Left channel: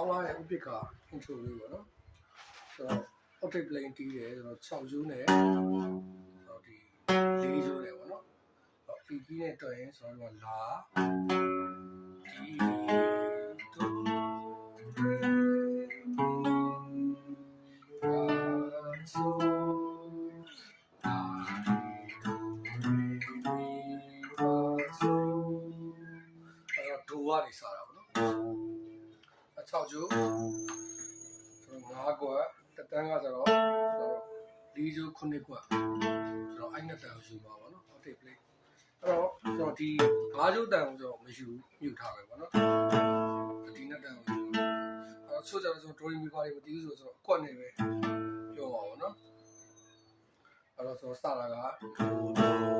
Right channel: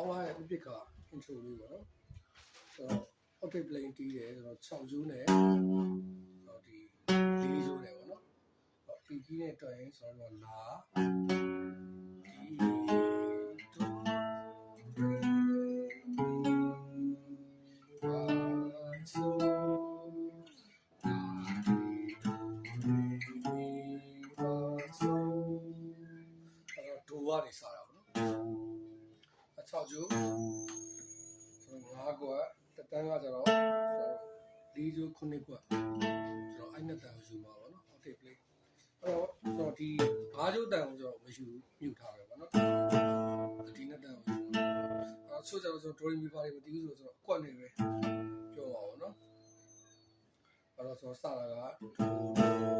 online ရဲ့ upic က intro လေးပေါ့နော်ဆိုတော့ octave plane တီးတယ်ဆိုတော့6 ယူနဲ့ဒီ4ယူနဲ့ပေါ့နော်ဒီကီးနဲ့တွဲရင်ဆိုတော့လာဒီဒူဝါနေစားတာပေါ့နော်6ကျိုး5ကွက်တက်တန်းကဆိုတော့4ကျိုး9ကွက်ဆိုတော့အဲ့နဲ့တန်ကိုယူပါပေါ့နော် octave plane အဲ့တော့ကျွန်တော်ဒီ5ကျိုးတန်ကိုကျွန်တော်မယူမြုပ်ထားပဲပေါ့နော်ဒီနဲ့တန်ကိုယူအဲ့တော့ဆိုကြတော့ကျွန်တော် drawing paper တွေမတည်ဘူးဆိုတော့အကွက်နဲ့ပဲပြောပါပေါ့နော်အဲ့တော့ကျွန်တော်စတာက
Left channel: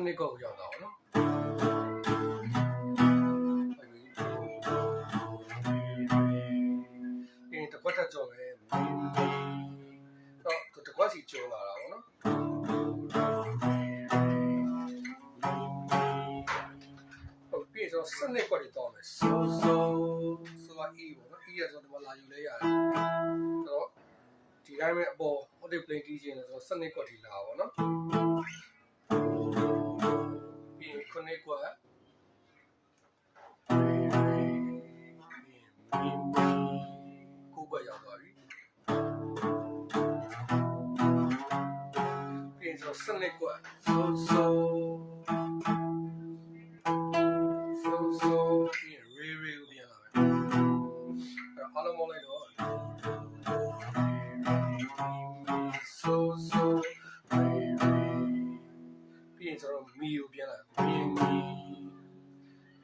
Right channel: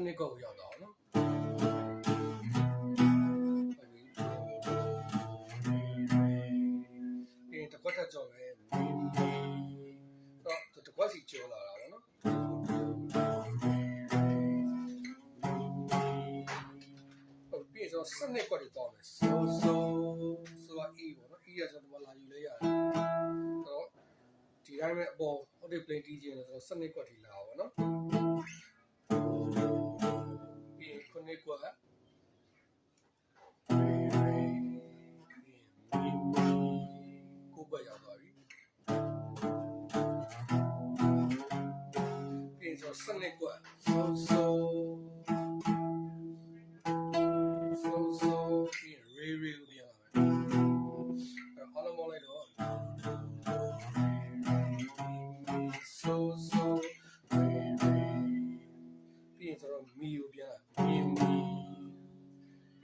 ခုနှစ်ကောက်ရောက်တာပေါ့နော်တကွက်တက်ကြော်ပဲတော့တကွက်စီကျော်လာတာပေါ့နော်ဟုတ်ပြီဆိုစနစ်ကွက်တွေတော့မယ်ဆိုအေးပေါ့နော်အေးရဆိုတော့လာယူလဲရတယ်အဲ့တော့ဒီတိုင်းပဲအပေါ် octave plane တီးခြင်းဆိုတော့စနစ်ကွက်တွေလာပါပေါ့နော်ခုနှစ်ကွက်ကိုကွက်ရောက်သွားပြီပြီးတော့စနစ်ကွက်ဆိုပြီးရေပြန်လာမယ်အဲ့အားလုံးမလိုက်တော့ပြီးရင်ဆိုတော့မီကိုပြန်လာပြီး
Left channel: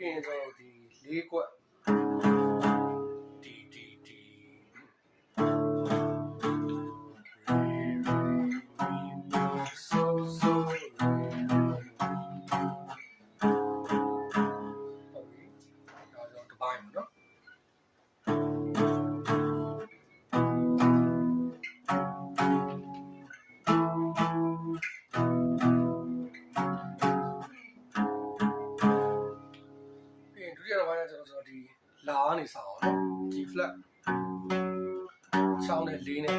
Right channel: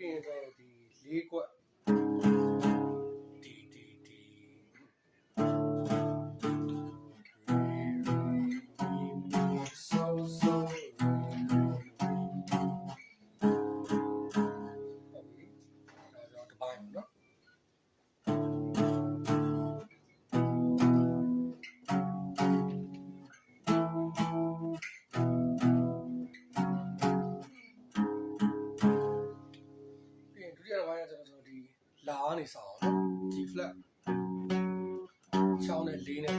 ရင်ဆိုတော့ဒီ၄ကွက်ဒီဟုတ်ပြီဒါတော့တစ်ပိုင်းနော်ဒုတိယတစ်ပိုင်းကကျွန်တော်ဒီလာကနေစအောင်နော် G flat 6နဲ့4နဲ့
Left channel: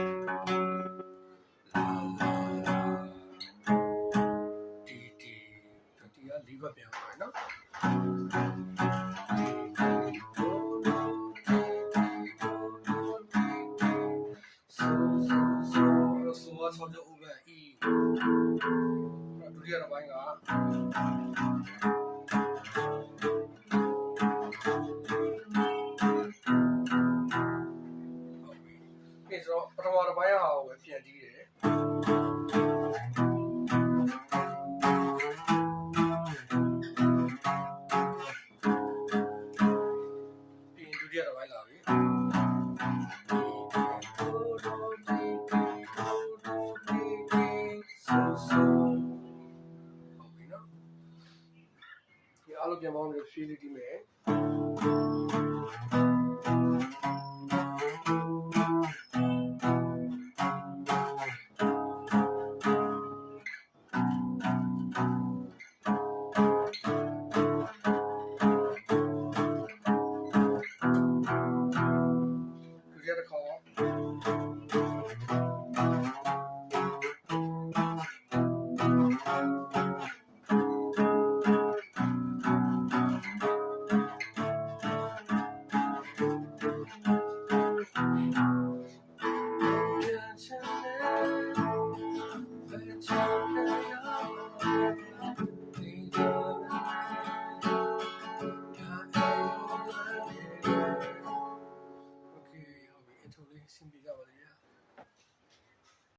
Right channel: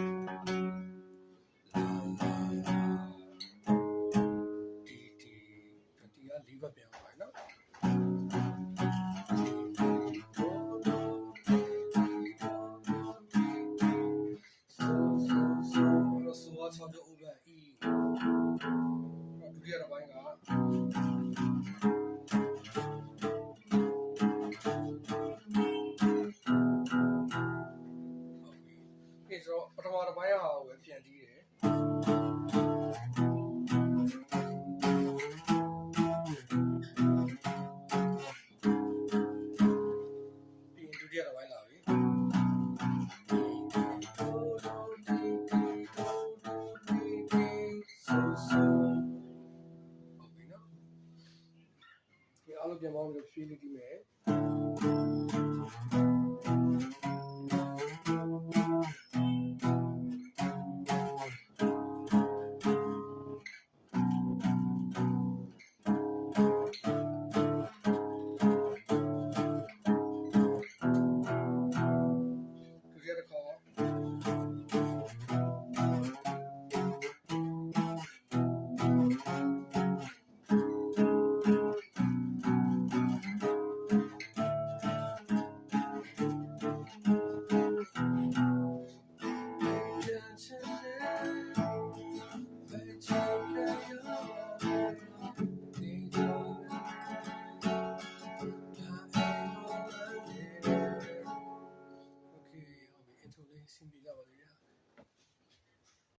ဒီက4ကွက်ပြန်သွားတယ်နော်ဆိုတော့6ကျိုး over E ဒုတိယတစ်ပိုင်းကဆိုတော့ပထမတစ်ပိုင်းဟာကိုပဲပြန်တီးတယ်ပြီးဒုတိယတစ်ပိုင်းလာပြီဟုတ်ပြီနော်ဒီအားလုံးပြန်ပေါင်းပြီး feel တီးမယ်